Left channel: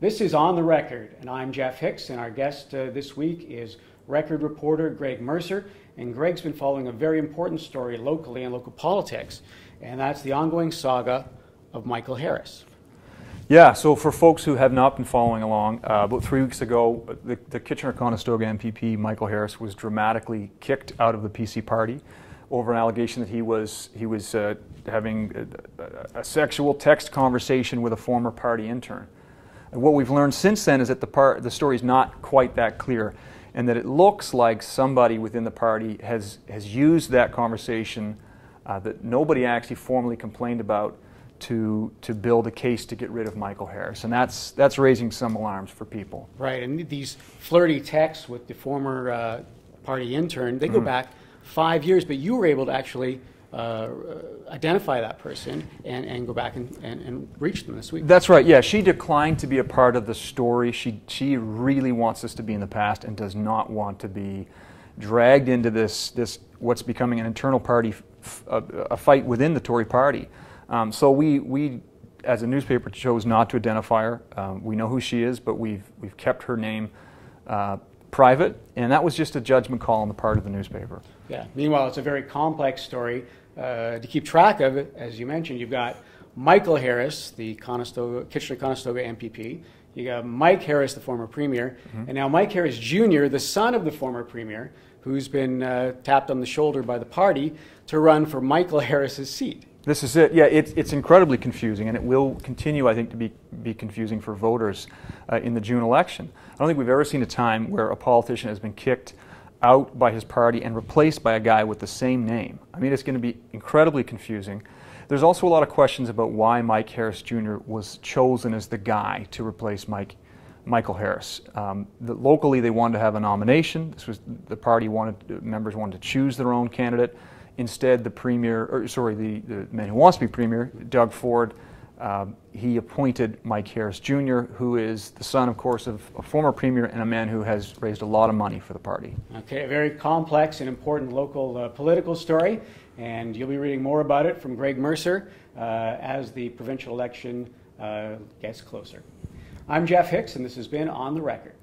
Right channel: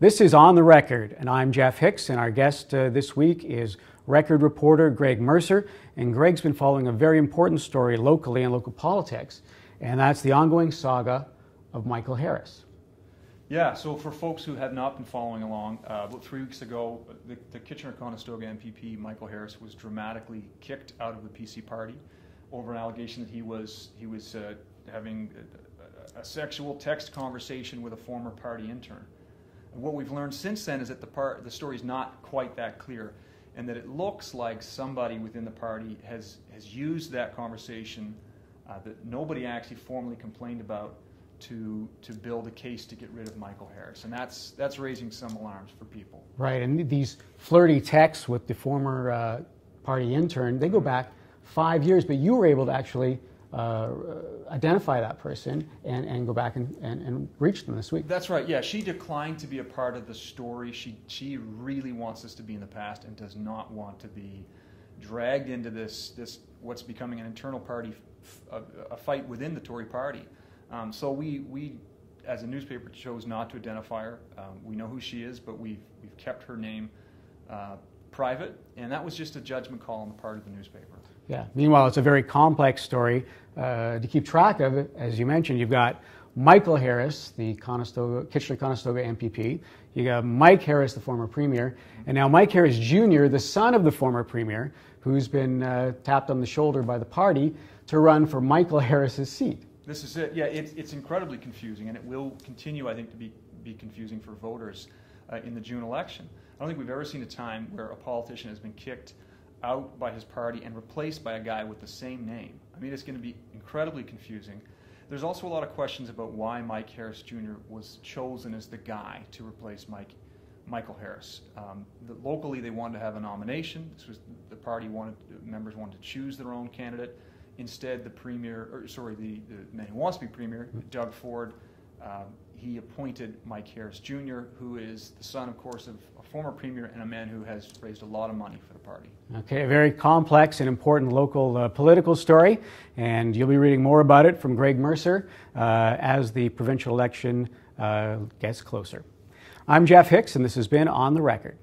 This is On the Record, and I'm Jeff Hicks, and our guest this week is record reporter Greg Mercer. And Greg's been following a very important story locally and local politics, and that's the ongoing saga of Michael Harris. Yeah, so for folks who have not been following along, about 3 weeks ago, the Kitchener-Conestoga MPP Michael Harris was dramatically kicked out of the PC party over an allegation that he was having a sexual text conversation with a former party intern. And what we've learned since then is that the story is not quite that clear, and that it looks like somebody within the party has used that conversation that nobody actually formally complained about to build a case to get rid of Michael Harris, and that's raising some alarms for people. Right, and these flirty texts with the former party intern, they go back 5 years, but you were able to actually identify that person and go back and reach them this week. That's right, yeah. She declined to be a part of the story. She really wants this to be in the past and does not want to be dragged into this what's becoming an internal party, a fight within the Tory party. So we, as a newspaper, chose not to identify her. We know who she is, but we've kept her name private, and that was just a judgment call on the part of the newspaper. Yeah. Meanwhile, it's a very complex story to keep track of. As you mentioned, you've got Michael Harris, the Kitchener-Conestoga MPP. You got Mike Harris, the former premier, and now Mike Harris Jr., the son of the former premier, who's been tapped on the shoulder by the party to run for Michael Harris's seat. This is it. Yeah, it's incredibly confusing, and it will continue, I think, to be confusing for voters in the June election. I don't think we've ever seen a time where a politician has been kicked out by his party and replaced by a guy with the same name. I mean, it's going to be incredibly confusing. There's also a lot of questions about why Mike Harris Jr. was chosen as the guy to replace Michael Harris. Locally, they wanted to have a nomination. This was the party members wanted to choose their own candidate. Instead, the man who wants to be premier, Doug Ford, he appointed Mike Harris Jr., who is the son, of course, of a former premier and a man who has raised a lot of money for the party. Okay, a very complex and important local political story, and you'll be reading more about it from Greg Mercer as the provincial election gets closer. I'm Jeff Hicks, and this has been On the Record.